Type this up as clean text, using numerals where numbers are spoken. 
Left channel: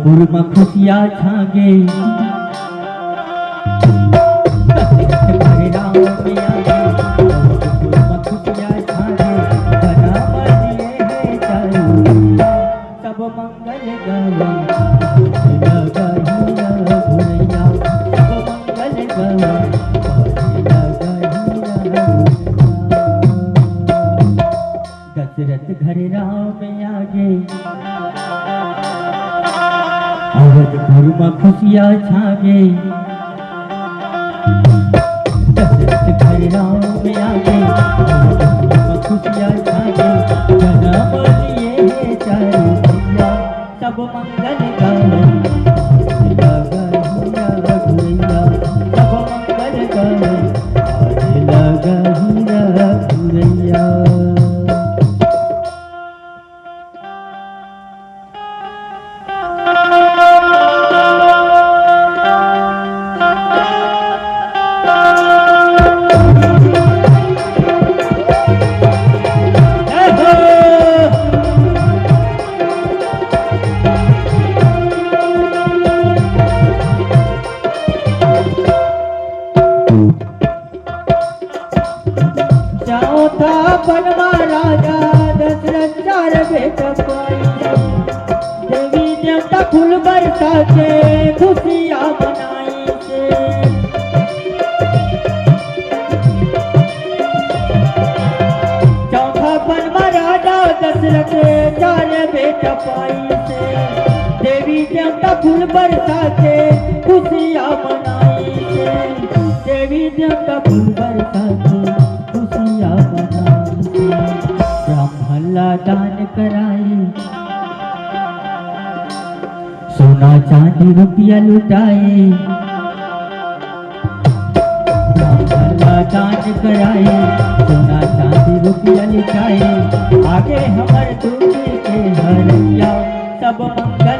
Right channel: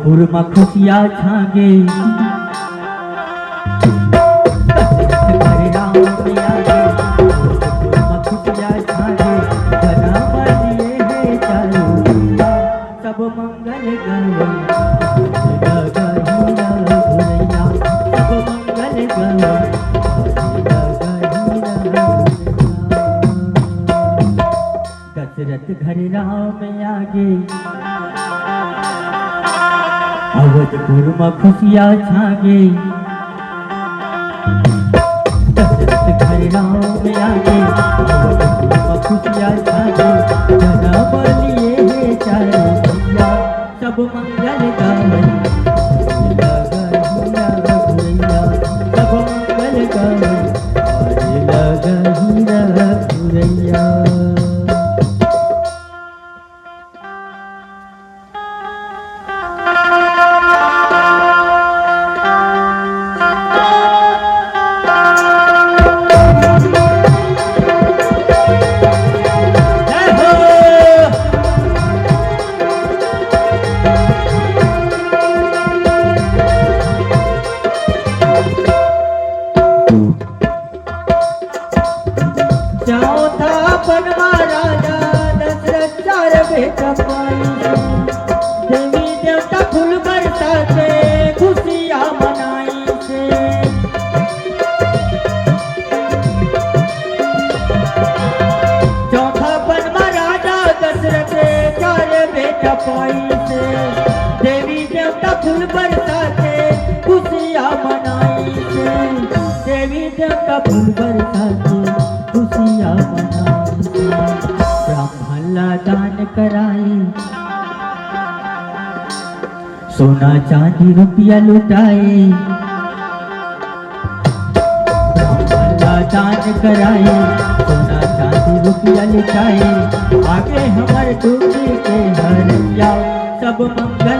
अवधपुर में खुशियाँ छागे राम में आगे अवधपुर में खुशियाँ छागे जना बनिए है चारू सब मंगल गावे लगा हीरा घुरैया सब मंगल गावे दशरथ घर राम आगे अवधपुर में खुशियाँ छागे दशरथ घर राम आगे अवधपुर में खुशियाँ छागे जना बनिए है चारू भैया सब मंगल गावे लगा हीरा घुरैया सब मंगल गावे लगा हीरा घुरैया। जाओ था बनवा राजा दशरथ चार बेटा देवी देवता फूल बरसा के खुशियाँ मनाई से चौथा बनवा राजा दशरथ चार बेटा पाई से देवी देवता फूल बरसा के खुशियाँ मनाई से देवी देवता फूल बरसा के खुशियाँ मनाई ब्राह्मण दान कराई सोना चांदी रुपया लुटाए ब्राह्मण दान कराए सोना चांदी रुपया लुटाए आगे हमारे दूसरे के हरिया सब मंगल